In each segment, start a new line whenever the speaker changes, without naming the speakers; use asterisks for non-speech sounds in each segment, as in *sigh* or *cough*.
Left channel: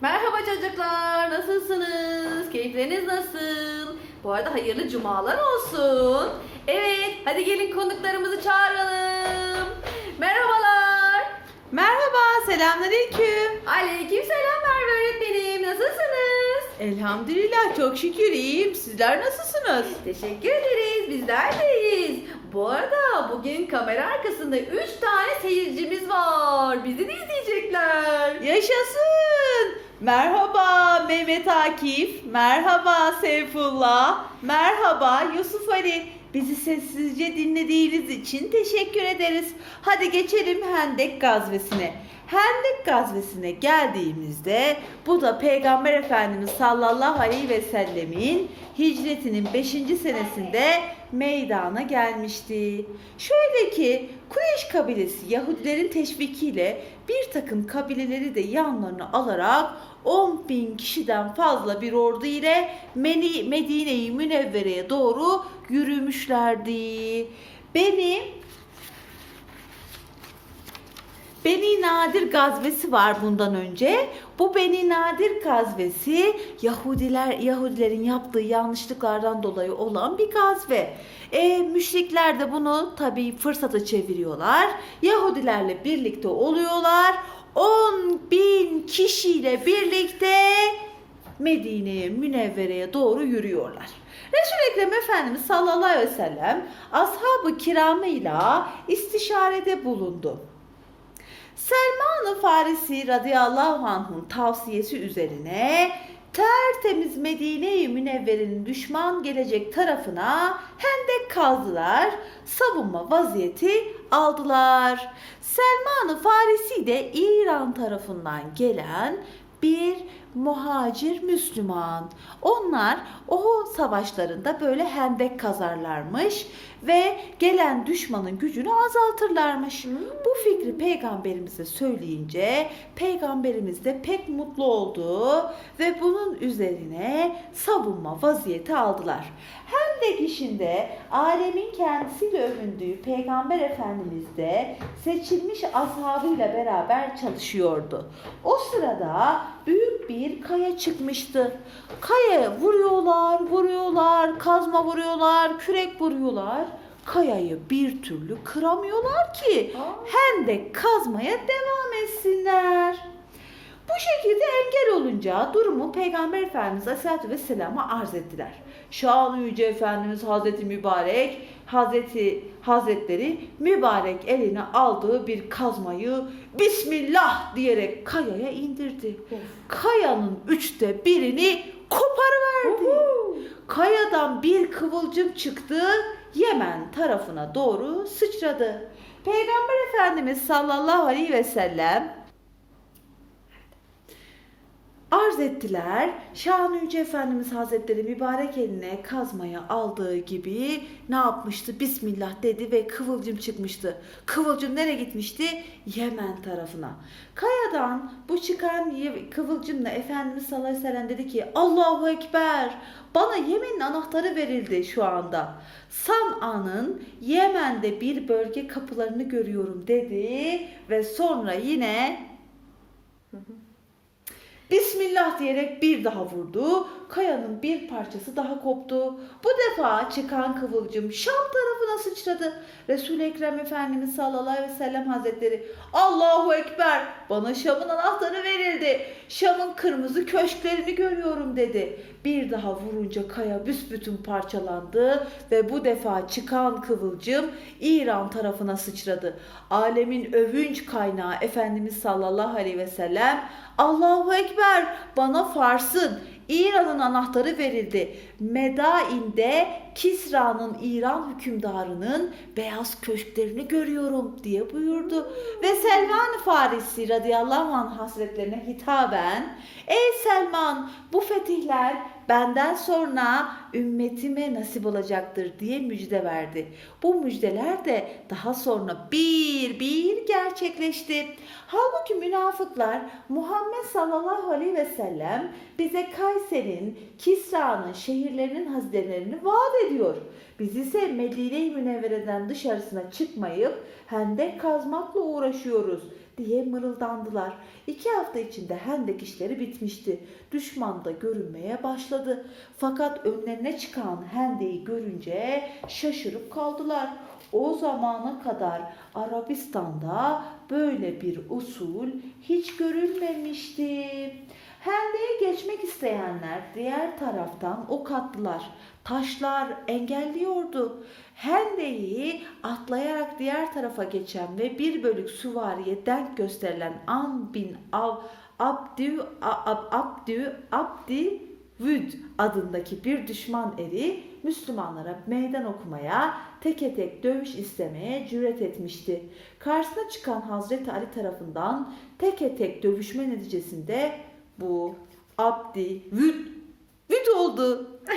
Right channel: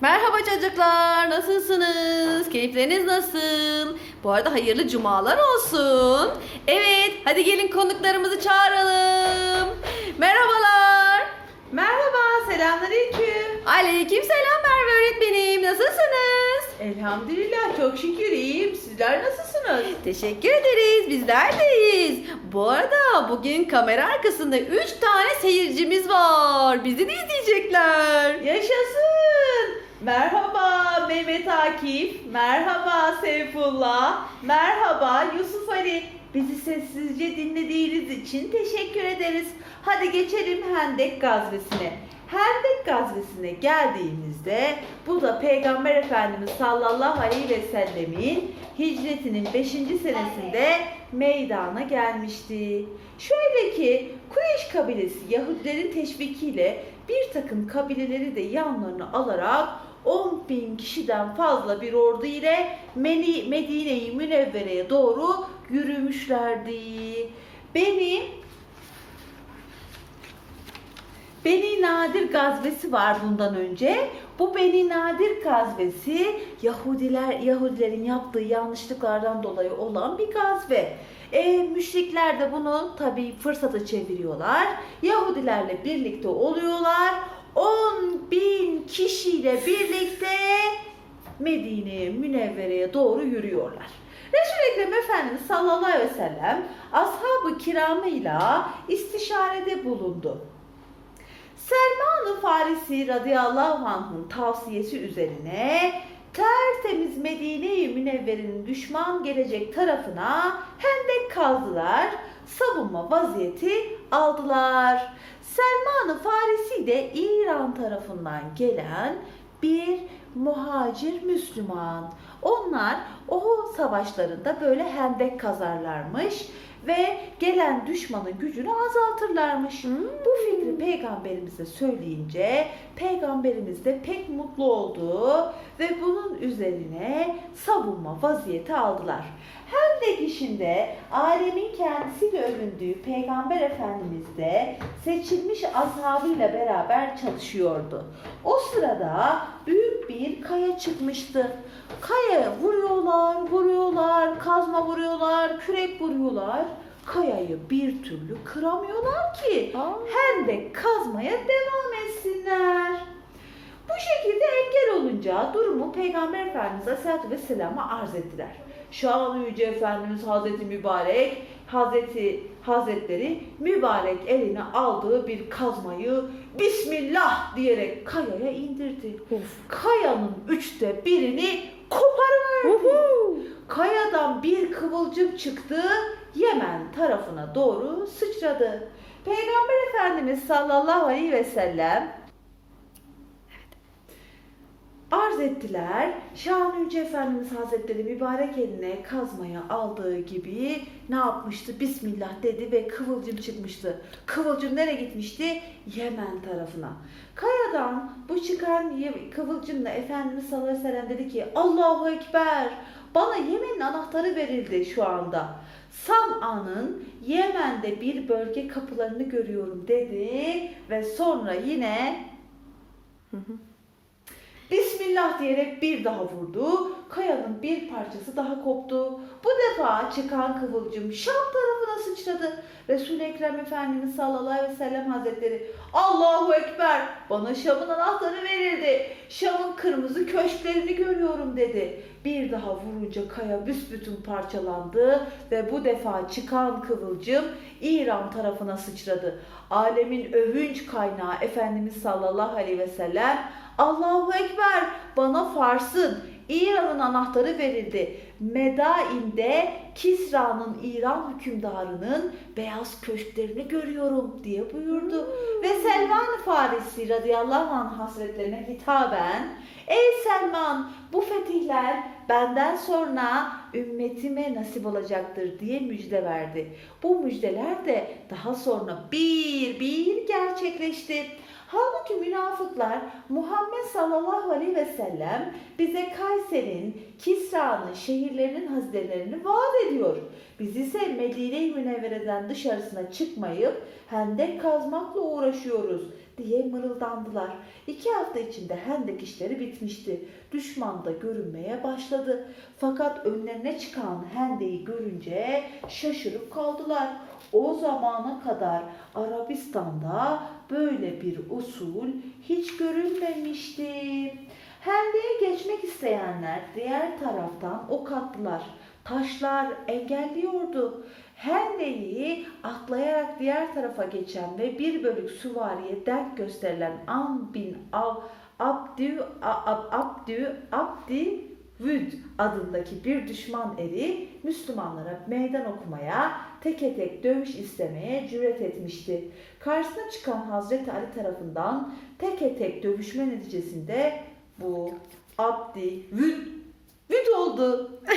Merhaba çocuklar, nasılsınız? Keyifleriniz nasıl? Bu arada hayırlı cumalar olsun. Evet, hadi gelin konuklarımızı çağıralım. Merhabalar.
Merhaba, selamünaleyküm.
Aleyküm selam Merve öğretmenim, nasılsınız?
Elhamdülillah çok şükür iyiyim. Sizler nasılsınız?
Teşekkür ederiz, bizler deyiz. Bu arada bugün kamera arkasında 3 tane seyircimiz var. Bizi de izleyecekler.
Yaşasın. Merhaba Mehmet Akif. Merhaba Seyfullah. Merhaba Yusuf Ali. Bizi sessizce dinlediğiniz için teşekkür ederiz. Hadi geçelim Hendek gazvesine. Hendek gazvesine geldiğimizde bu da Peygamber Efendimiz sallallahu aleyhi ve sellemin hicretinin 5. senesinde meydana gelmişti. Şöyle ki Kureyş kabilesi Yahudilerin teşvikiyle bir takım kabileleri de yanlarına alarak 10 bin kişiden fazla bir ordu ile Medine-i Münevvere'ye doğru yürümüşlerdi. Beni Beni Nadir gazvesi var bundan önce. Bu Beni Nadir gazvesi Yahudiler Yahudilerin yaptığı yanlışlıklardan dolayı olan bir gazve. E, müşrikler de bunu tabii fırsata çeviriyorlar. Yahudilerle birlikte oluyorlar. 10 bin kişiyle birlikte Medine'ye, Münevvere'ye doğru yürüyorlar. Resul-i Ekrem Efendimiz sallallahu aleyhi ve sellem ashab-ı kiramıyla istişarede bulundu. Selman-ı Farisi radıyallahu anh'ın tavsiyesi üzerine tertemiz Medine-i Münevvere'nin düşman gelecek tarafına hendek kazdılar, savunma vaziyeti aldılar. Selman-ı Farisi de İran tarafından gelen bir muhacir Müslüman. Onlar o savaşlarında böyle hendek kazarlarmış ve gelen düşmanın gücünü azaltırlarmış. Bu fikri peygamberimize söyleyince peygamberimiz de pek mutlu oldu ve bunun üzerine savunma vaziyeti aldılar. Hendek işinde alemin kendisiyle övündüğü peygamber efendimiz de seçilmiş ashabıyla beraber çalışıyordu. O sırada büyük bir kaya çıkmıştı. Kaya vuruyorlar, vuruyorlar, kazma vuruyorlar, kürek vuruyorlar. Kayayı bir türlü kıramıyorlar ki hendek kazmaya devam etsinler. Bu şekilde engel olunca durumu Peygamber Efendimiz Aleyhisselatü Vesselam'a arz ettiler. Şanlı Yüce Efendimiz Hazreti Mübarek, Hazreti Hazretleri mübarek eline aldığı bir kazmayı Bismillah diyerek kayaya indirdi. Kayanın üçte birini koparıverdi. Kayadan bir kıvılcım çıktı, Yemen tarafına doğru sıçradı. Peygamber Efendimiz sallallahu aleyhi ve sellem arz ettiler. Şahan Yüce Efendimiz Hazretleri mübarek eline kazmaya aldığı gibi ne yapmıştı? Bismillah dedi ve kıvılcım çıkmıştı. Kıvılcım nereye gitmişti? Yemen tarafına. Kayadan bu çıkan kıvılcımla Efendimiz sallallahu aleyhi ve sellem dedi ki Allahu Ekber bana Yemen'in anahtarı verildi şu anda. San'a'nın Yemen'de bir bölge kapılarını görüyorum dedi ve sonra yine Bismillah diyerek bir daha vurdu. Kayanın bir parçası daha koptu. Bu defa çıkan kıvılcım Şam tarafına sıçradı. Resul-i Ekrem Efendimiz sallallahu aleyhi ve sellem hazretleri Allahu Ekber bana Şam'ın anahtarı verildi. Şam'ın kırmızı köşklerini görüyorum dedi. Bir daha vurunca kaya büsbütün parçalandı ve bu defa çıkan kıvılcım İran tarafına sıçradı. Alemin övünç kaynağı Efendimiz sallallahu aleyhi ve sellem Allahu Ekber bana Fars'ın İran'ın anahtarı verildi. Medain'de Kisra'nın İran hükümdarının beyaz köşklerini görüyorum diye buyurdu. Ve Selman Farisi radıyallahu anh hasretlerine hitaben Ey Selman bu fetihler benden sonra ümmetime nasip olacaktır diye müjde verdi. Bu müjdeler de daha sonra bir bir gerçekleşti. Halbuki münafıklar Muhammed sallallahu aleyhi ve sellem bize Kayser'in, Kisra'nın şehirlerinin hazinelerini vaat ediyor. Biz ise Medine-i Münevvere'den dışarısına çıkmayıp hendek kazmakla uğraşıyoruz. diye mırıldandılar. İki hafta içinde hendek işleri bitmişti. Düşman da görünmeye başladı. Fakat önlerine çıkan hendeyi görünce şaşırıp kaldılar. O zamana kadar Arabistan'da böyle bir usul hiç görülmemişti. Hendeğe geçmek isteyenler diğer taraftan ok attılar. Taşlar engelliyordu. Hendeyi atlayarak diğer tarafa geçen ve bir bölük süvariye denk gösterilen Am bin Av Abdü Ab- Abdü Abdi Vüd adındaki bir düşman eri Müslümanlara meydan okumaya, teke tek dövüş istemeye cüret etmişti. Karşısına çıkan Hazreti Ali tarafından teke tek dövüşme neticesinde bu Abdi Vüd Vüd oldu. *laughs*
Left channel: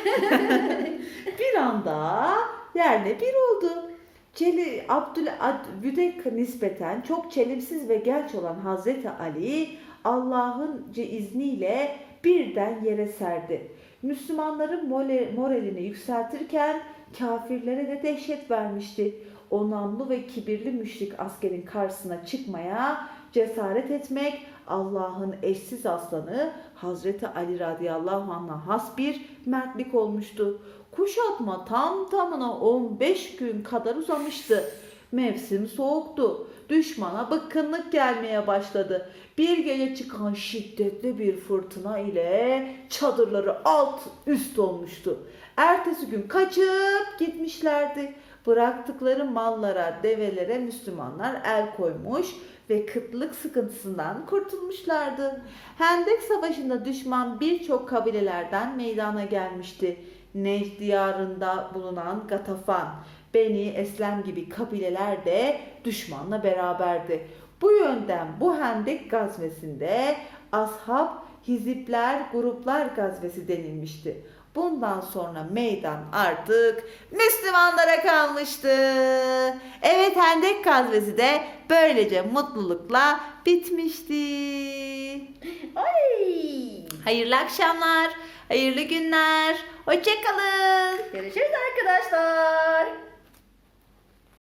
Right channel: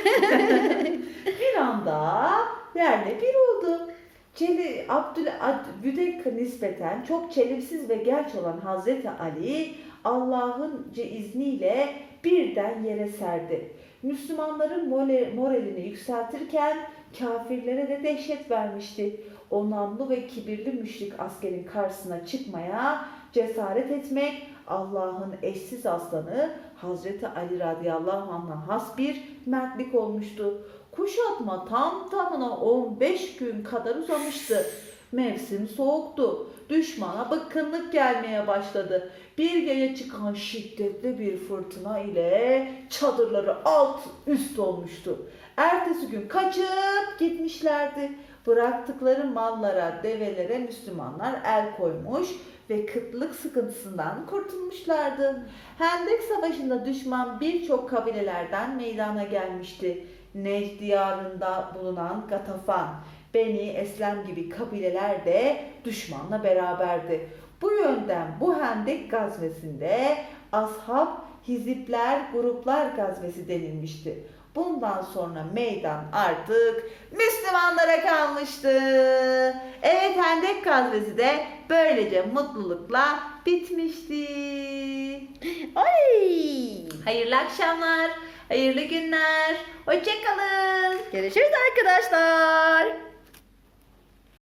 bir anda yerle bir oldu. Çeli Abdül Ad, Vüde nispeten çok çelimsiz ve genç olan Hazreti Ali Allah'ın izniyle birden yere serdi. Müslümanların moralini yükseltirken kafirlere de dehşet vermişti. O namlu ve kibirli müşrik askerin karşısına çıkmaya cesaret etmek Allah'ın eşsiz aslanı Hazreti Ali radıyallahu anh'a has bir mertlik olmuştu. Kuşatma tam tamına 15 gün kadar uzamıştı. Mevsim soğuktu. Düşmana bıkkınlık gelmeye başladı. Bir gece çıkan şiddetli bir fırtına ile çadırları alt üst olmuştu. Ertesi gün kaçıp gitmişlerdi. Bıraktıkları mallara, develere Müslümanlar el koymuş ve kıtlık sıkıntısından kurtulmuşlardı. Hendek Savaşı'nda düşman birçok kabilelerden meydana gelmişti. Necd diyarında bulunan Gatafan, Beni Eslem gibi kabileler de düşmanla beraberdi. Bu yönden bu Hendek gazvesinde ashab, hizipler, gruplar gazvesi denilmişti. Bundan sonra meydan artık Müslümanlara kalmıştı. Evet Hendek gazvesi de böylece mutlulukla bitmişti.
Ay!
Hayırlı akşamlar, hayırlı günler, hoşçakalın.
Görüşürüz arkadaşlar.